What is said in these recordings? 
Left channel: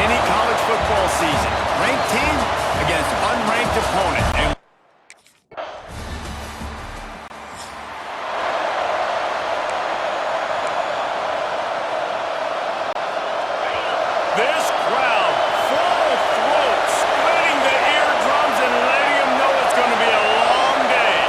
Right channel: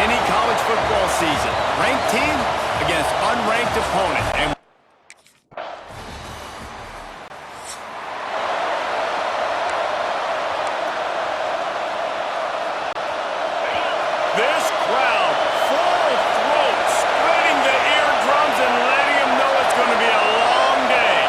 any college football season. Ranked team against unranked opponent. And this crowd, full throat, splitting the eardrums and letting them know it's going to be a long day.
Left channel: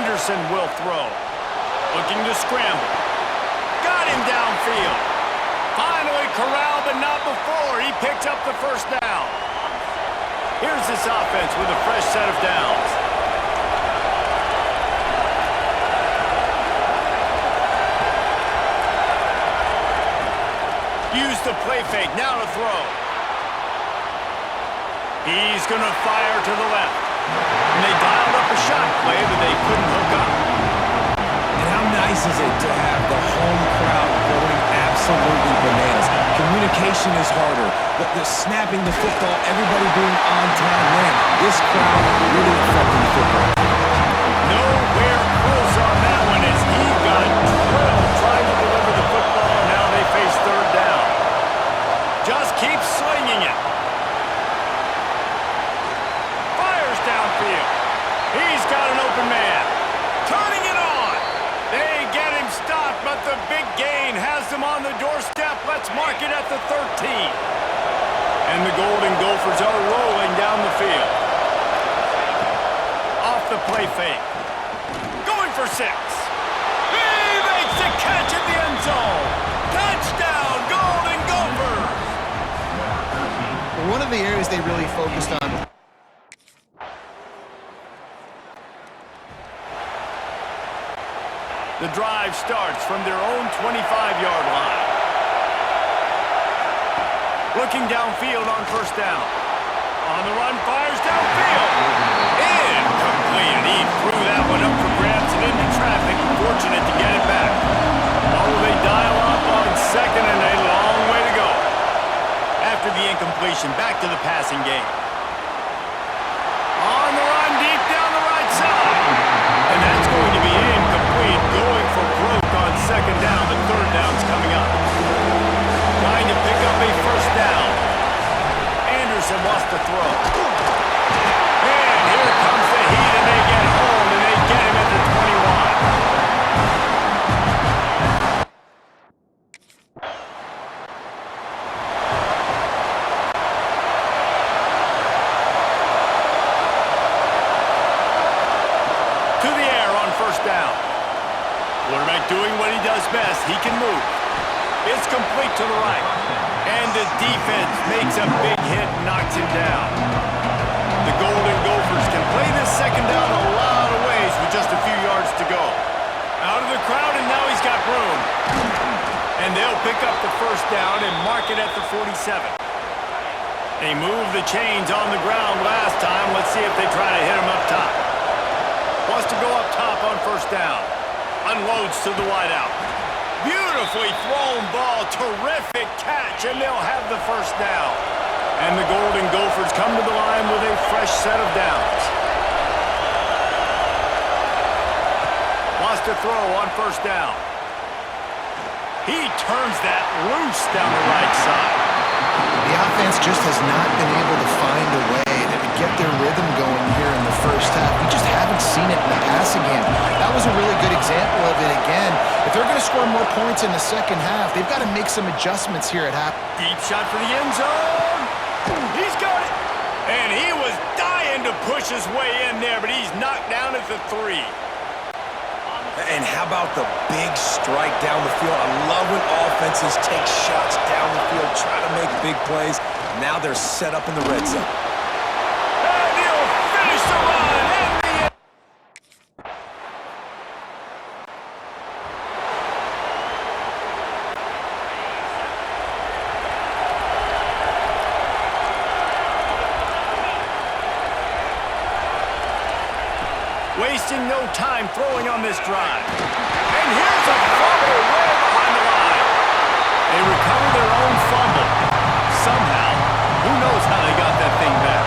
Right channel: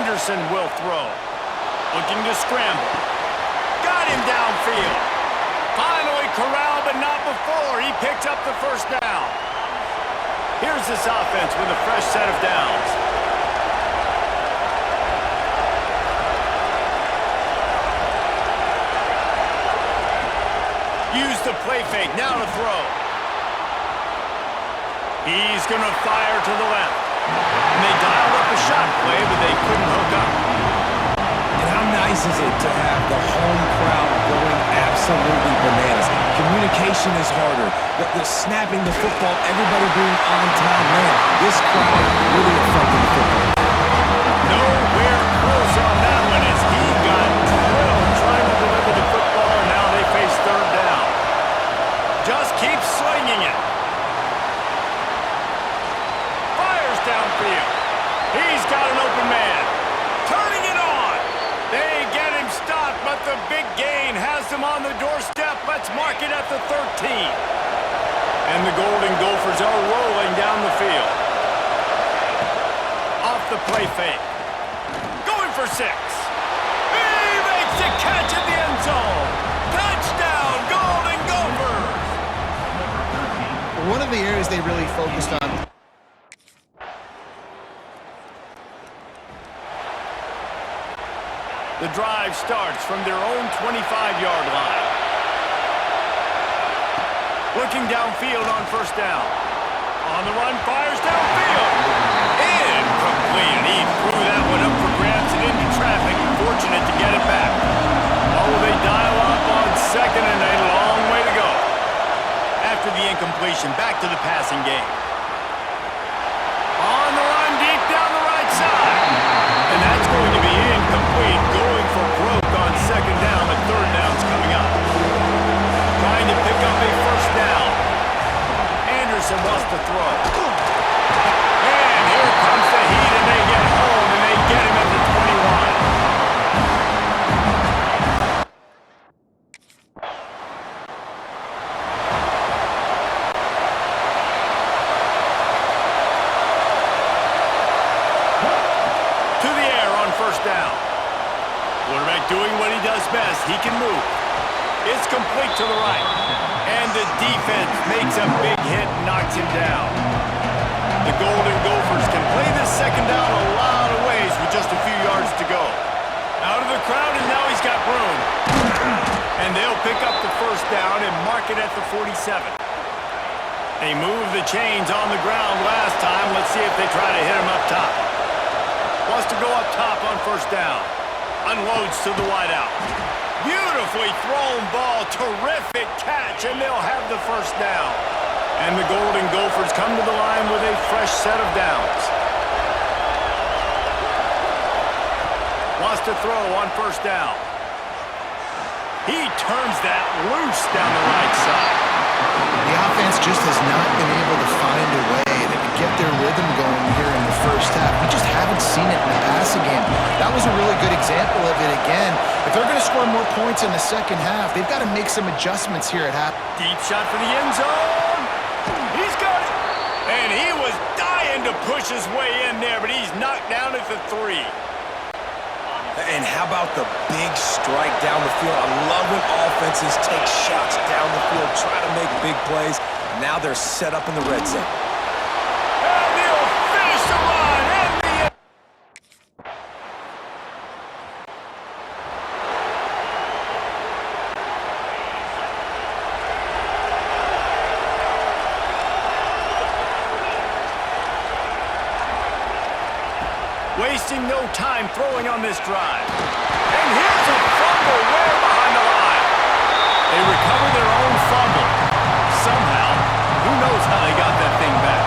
Anderson will throw. Looking to scramble. Got him downfield. Finally corralled, but not before. He picked up the first down. Here's this offense with a fresh set of downs. Use the play fake, now to throw. He's going to fire to the left. And they dialed up a shot play, but they couldn't hook up. And how nice is it to have the home crowd going absolutely bananas? Communication is harder. The snapping the football, everybody being on time. Man, this crowd really affecting the football. Nowhere close on that one as he got drilled trying to deliver the football, and now they face third down. Just keep slinging it. Fires downfield. He's got an open man. Turning it on. They get him stopped, but the big gain has them on the doorstep. Let's mark it at the 13. And the Golden Gophers are rolling down the field. Off the play fake. Going for 6. He makes the catch in the end zone. Touchdown, Golden Gophers! One of the areas they really focused on. The drive starts from their own 25-yard line. Looking downfield on first down. On the run, fires downfield. Incomplete. And he threw that one up for grabs and into traffic. Fortunate to get it back. Oh, they dial up on second and a long way to go. After the incompletion, back to the passing game. On the run, deep down the right side. And that's going to be incomplete. Going for broke on second down, but third down's coming up. Trying to pick up a first down. Anderson wants to throw. And here comes the heat, and they get home, and they get him at the 21. To the air on first down. Quarterback doing what he does best. He can move. It's complete to the right. And the defense makes a big hit and knocks him down. The Golden Gophers can play this second down a lot of ways with just a few yards to go. Out of the crowd, and now he's got room. And they'll pick up the first down and mark it at the 47. They moved the chains on the ground last time. Let's see if they try to hit him up top. Wants to go up top on first down. Unloads to the wideout. Beautifully thrown ball. Terrific catch, and they'll have the first down. And the Golden Gophers come to the line with a fresh set of downs. Wants to throw on first down. He turns that loose down the right side. The offense just has not been able to find a way to get their rhythm going here in the first half. We just haven't seen it in the passing game. That was a really good example of it again. If they're going to score more points in the second half, they've got to make some adjustments here at half. Deep shot for the end zone. He's got it. And he was dying to push his way in there, but he's knocked down at the 3. And how about the big strike down the field? I love when offenses take shots down the field, try to make big plays. Now they're set up in the red zone. And he'll finish the run and the end. Wasting no time throwing on this drive. And here's a fumble way behind the line. They recover their own fumble. Somehow, who knows how they got that thing back.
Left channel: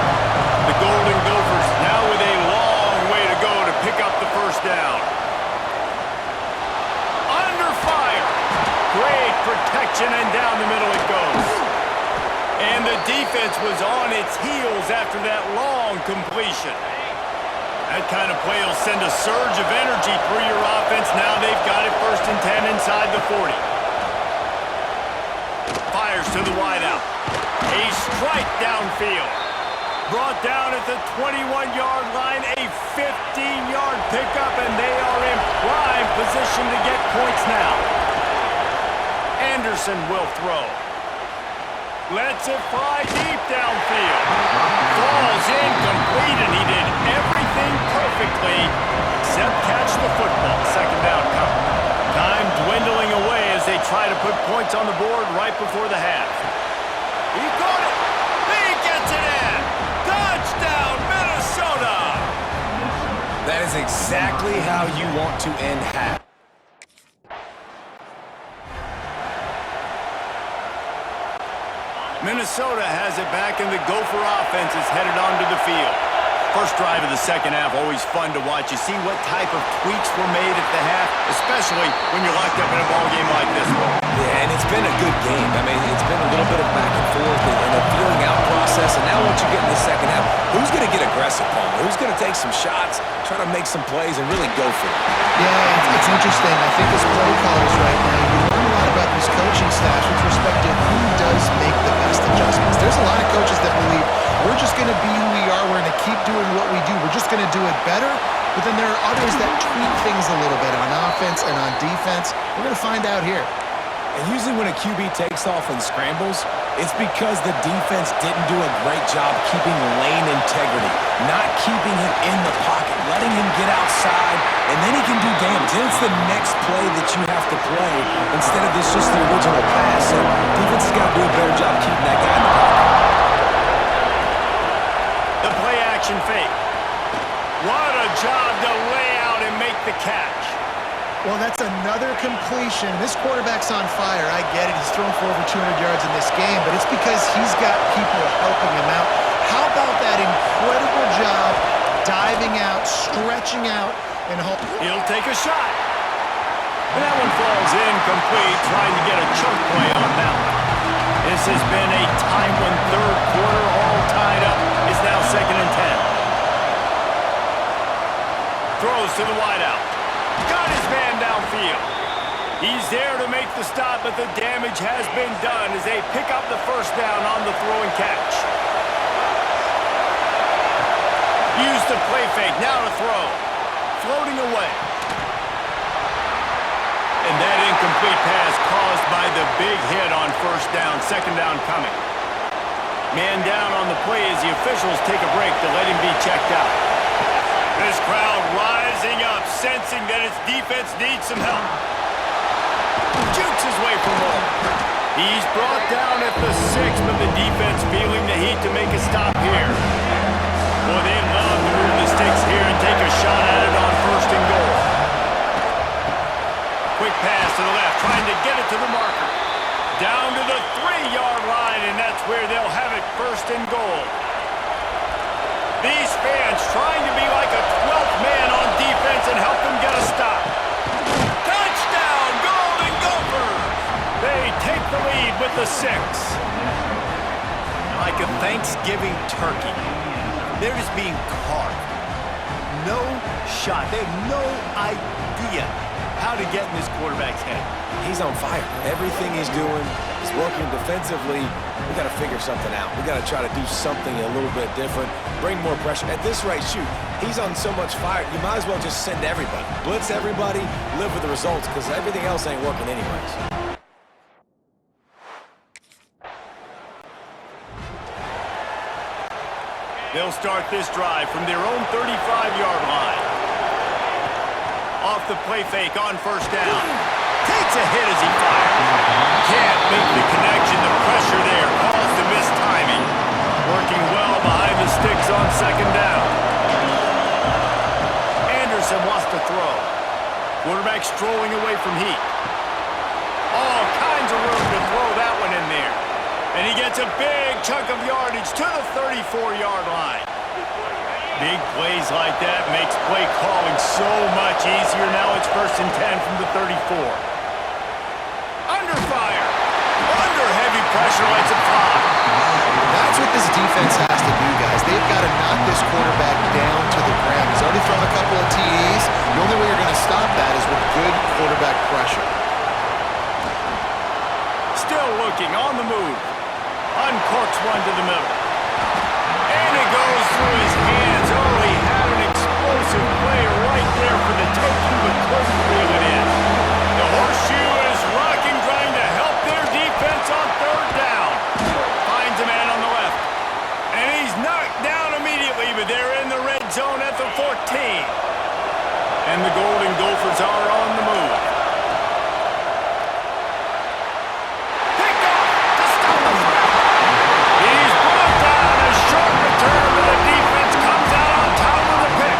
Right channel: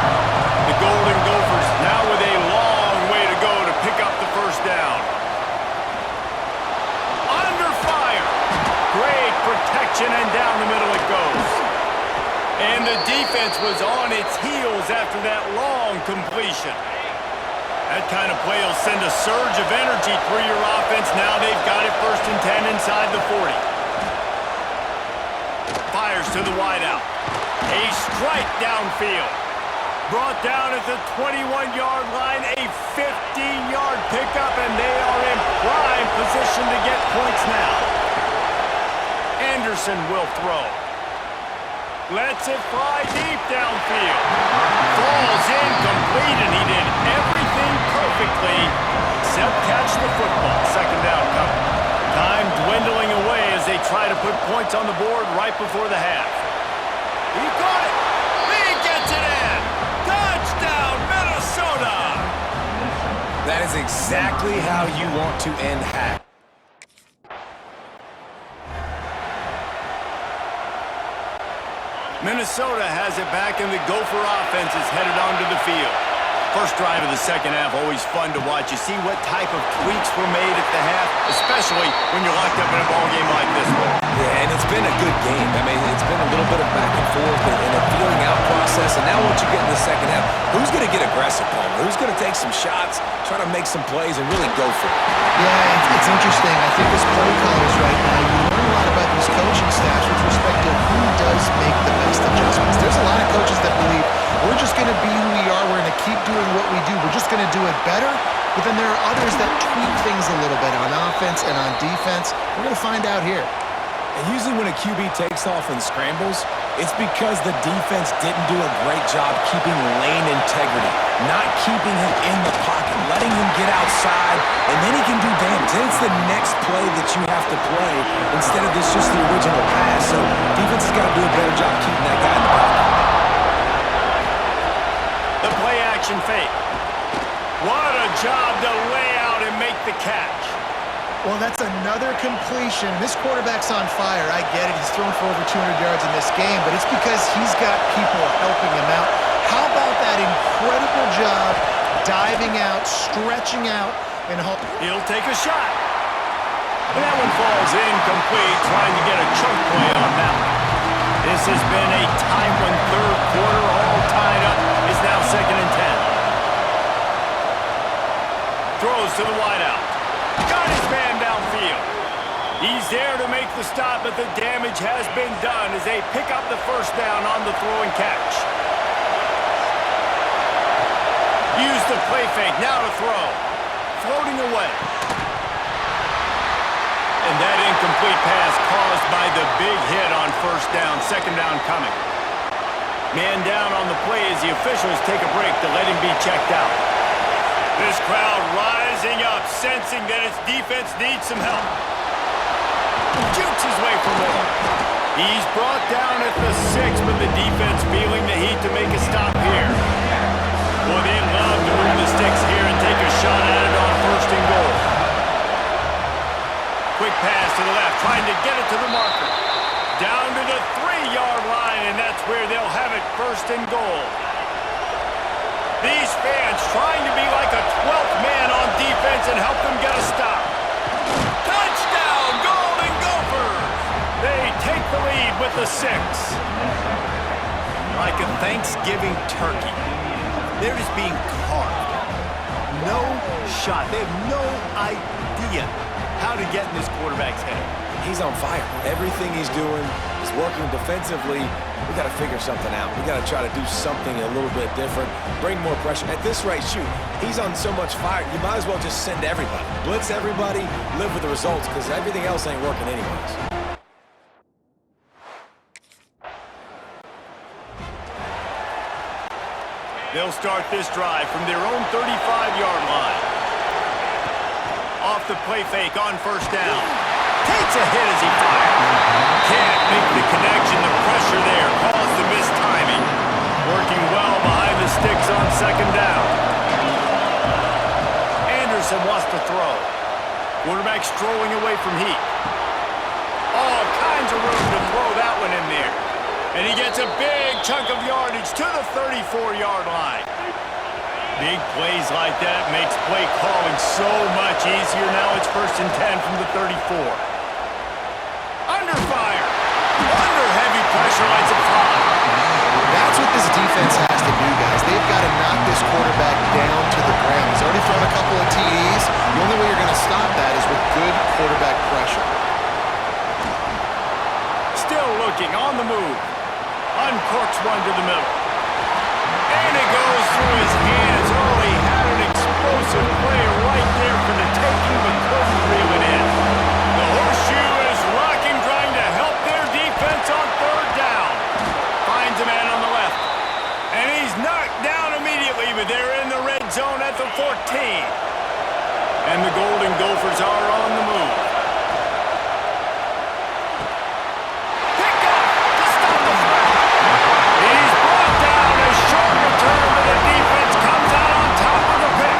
The Golden Gophers now with a long way to go to pick up the first down. Under fire. Great protection, and down the middle it goes. And the defense was on its heels after that long completion. That kind of play will send a surge of energy through your offense. Now they've got it 1st and 10 inside the 40. Fires to the wideout. A strike downfield. Brought down at the 21-yard line, a 15-yard pickup, and they are in prime position to get points now. Anderson will throw. Lets it fly deep downfield. Falls incomplete, and he did everything perfectly except catch the football. 2nd down coming. Time dwindling away as they try to put points on the board right before the half. He got it. He gets it in. Touchdown, Minnesota! That is exactly how you want to end half. Minnesota has it back, and the Gopher offense is headed onto the field. First drive of the 2nd half, always fun to watch. You see what type of tweaks were made at the half, especially when you're locked up in a ball game like this one. Yeah, and it's been a good game. I mean, it's been a little bit of back and forth and a feeling out process. And now once you get in the 2nd half, who's going to get aggressive, Palmer? Who's going to take some shots, try to make some plays, and really go for it? Yeah, it's interesting. I think as play callers right now, you learn a lot about these coaching staffs with respect to who does make the best adjustments. There's a lot of coaches that believe we're just going to be who we are. We're going to keep doing what we do. We're just going to do it better. But then there are others that tweak things a little bit on offense and on defense. We're going to find out here. And usually when a QB takes off and scrambles, it's because the defense didn't do a great job keeping lane integrity, not keeping him in the pocket, letting him get outside, and then he can do damage. Then it's the next play that you have to play instead of this just the original pass. So defense has got to do a better job keeping that guy in the pocket. The play action fake. What a job to lay out and make the catch. Well, that's another completion. This quarterback's on fire. I get it. He's thrown for over 200 yards in this game, but it's because he's got people helping him out. How about that incredible job diving out, stretching out, and he'll take a shot. And that one falls incomplete, trying to get a chunk play on that one. This has been a tight one. 3rd quarter, all tied up. It's now 2nd and 10. Throws to the wideout. Got his man downfield. He's there to make the stop, but the damage has been done as they pick up the 1st down on the throw and catch. Use the play fake, now to throw. Floating away. And that incomplete pass caused by the big hit on 1st down, 2nd down coming. Man down on the play as the officials take a break to let him be checked out. This crowd rising up, sensing that its defense needs some help. Jukes his way for more. He's brought down at the 6, but the defense feeling the heat to make a stop here. Boy, they love to move the sticks here and take a shot at it on 1st and goal. Quick pass to the left, trying to get it to the marker. Down to the 3-yard line, and that's where they'll have it 1st and goal. These fans trying to be like a 12th man on defense and help them get a stop. Touchdown, Golden Gophers! They take the lead with the 6. Like a Thanksgiving turkey, they're just being carved. No shot. They have no idea how to get in this quarterback's head. He's on fire. Everything he's doing is working defensively. We got to figure something out. We got to try to do something a little bit different, bring more pressure. At this rate, shoot, he's on so much fire, you might as well just send everybody. Blitz everybody, live with the results, because everything else ain't working anyways. They'll start this drive from their own 35-yard line. Off the play fake on 1st down. Takes a hit as he fires. Can't make the connection. The pressure there caused the missed timing. Working well behind the sticks on 2nd down. Anderson wants to throw. Quarterback strolling away from heat. All kinds of room to throw that one in there. And he gets a big chunk of yardage to the 34-yard line. Big plays like that makes play calling so much easier. Now it's 1st and 10 from the 34. Under fire. Under heavy pressure, lets it fly. That's what this defense has to do, guys. They've got to knock this quarterback down to the ground. He's already thrown a couple of TDs. The only way you're going to stop that is with good quarterback pressure. Still looking on the move. Uncorks one to the middle. And it goes through his hands. Oh, he had an explosive play right there for the taking, but couldn't reel it in. The horseshoe is rocking, trying to help their defense on third down. Finds a man on the left. And he's knocked down immediately, but they're in the red zone at the 14. And the Golden Gophers are on the move. Pick off to stop the threat. He's brought down. A short return, but the defense comes out on top of the pick.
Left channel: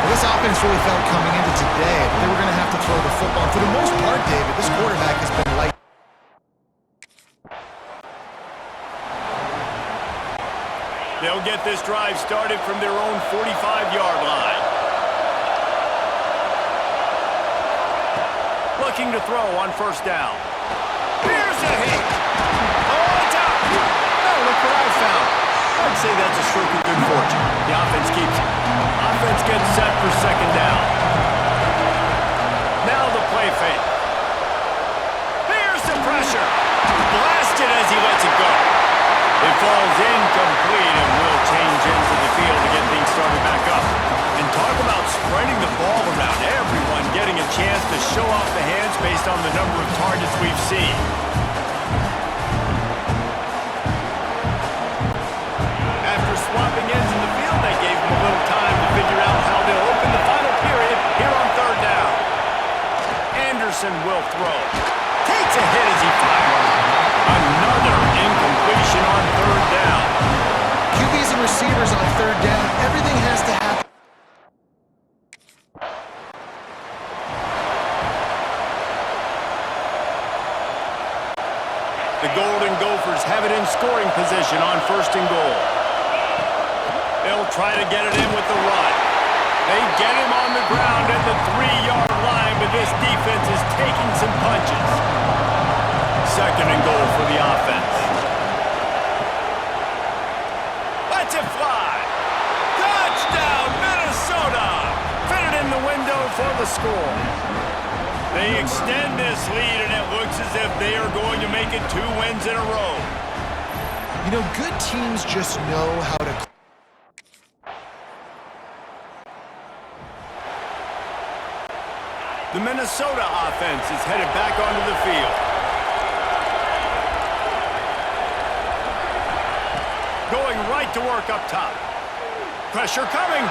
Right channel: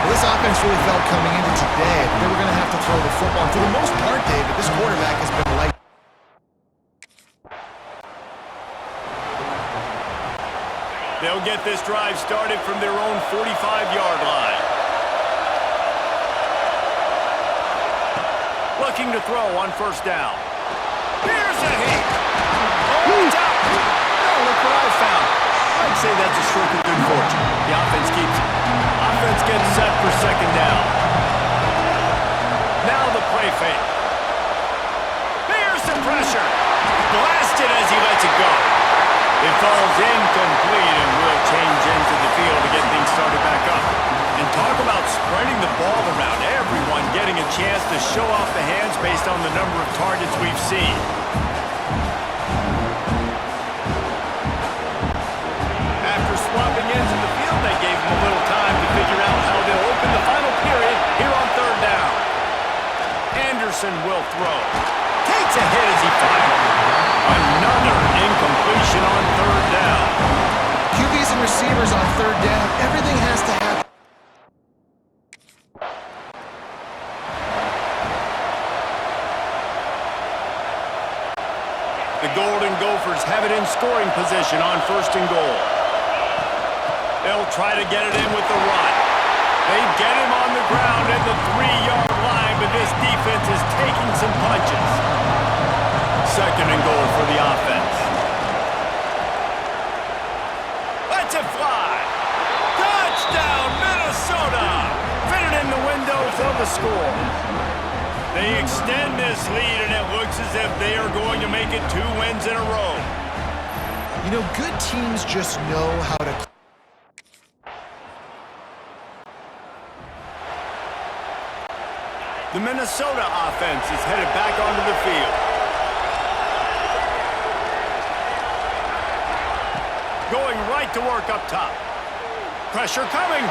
Well, this offense really felt coming into today that they were going to have to throw the football. And for the most part, David, this quarterback has been light. They'll get this drive started from their own 45-yard line. Looking to throw on first down. Here's a hit. Oh, it's out. Oh, look what I found. I'd say that's a stroke of good fortune. The offense keeps it. Offense gets set for second down. Now the play fake. Here's the pressure. Blasted as he lets it go. It falls incomplete and will change ends of the field to get things started back up. And talk about spreading the ball around. Everyone getting a chance to show off the hands based on the number of targets we've seen. After swapping ends in the field, they gave him a little time to figure out how they'll open the final period here on third down. Anderson will throw. Takes a hit as he fires. Another incompletion on third down. QBs and receivers on third down, everything has to happen. The Golden Gophers have it in scoring position on first and goal. They'll try to get it in with the run. They get him on the ground at the 3-yard line, but this defense is taking some punches. Second and goal for the offense. Let's it fly. Touchdown, Minnesota! Fitted in the window for the score. They extend this lead, and it looks as if they are going to make it 2 wins in a row. You know, good teams just know how to... The Minnesota offense is headed back onto the field. Going right to work up top. Pressure coming.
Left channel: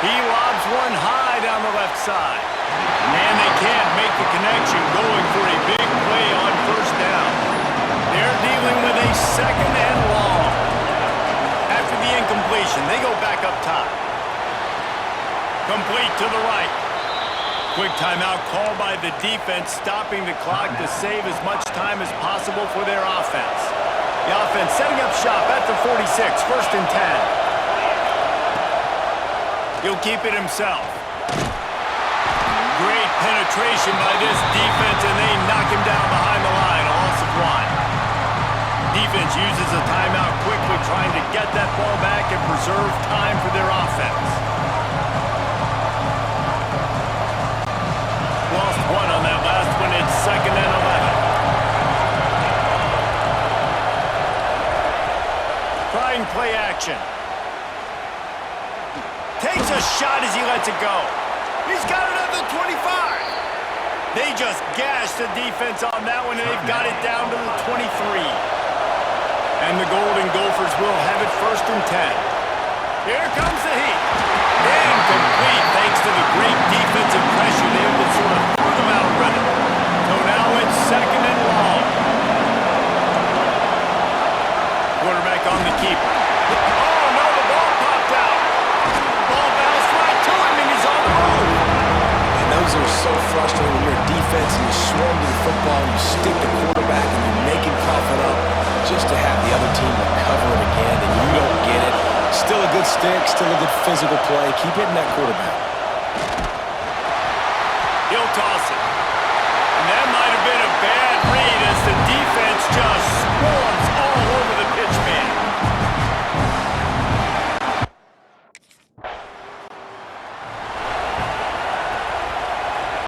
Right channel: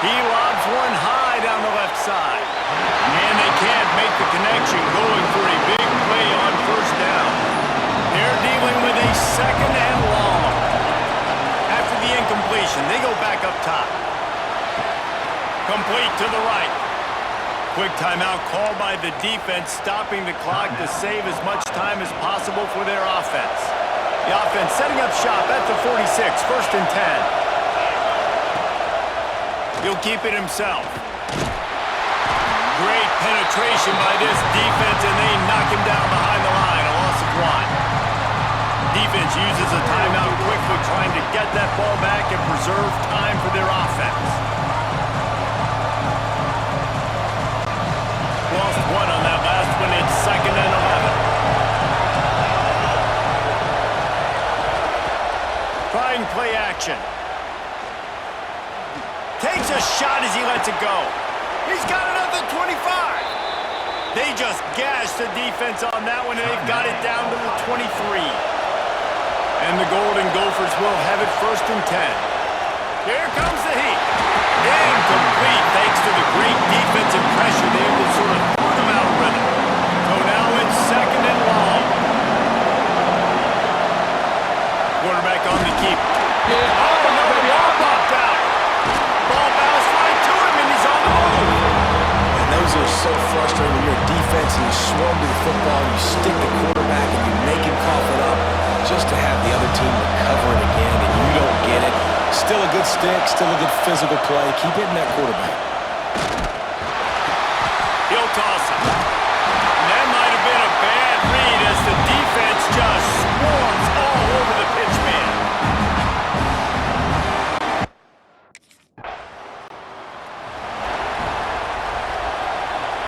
He lobs one high down the left side. And they can't make the connection, going for a big play on first down. They're dealing with a second and long. After the incompletion, they go back up top. Complete to the right. Quick timeout called by the defense, stopping the clock to save as much time as possible for their offense. The offense setting up shop at the 46, first and 10. He'll keep it himself. Great penetration by this defense, and they knock him down behind the line, a loss of 1. Defense uses a timeout quickly, trying to get that ball back and preserve time for their offense. Lost 1 on that last one. It's second and 11. Trying play action. Takes a shot as he lets it go. He's got it at the 25. They just gashed the defense on that one, and they've got it down to the 23. And the Golden Gophers will have it first and 10. Here comes the heat. Incomplete thanks to the great defensive pressure there that sort of threw them out of rhythm. So now it's second and long. Quarterback on the keeper. Oh, no, the wall popped out. Ball bounced right to him, and he's on the move. And those are so frustrating when you're a defense and you swarm to the football, you stick the quarterback, and you make him cough it up just to have the other team recover it again, and you don't get it. Still a good stick, still a good physical play. Keep hitting that quarterback. He'll toss it. And that might have been a bad read as the defense just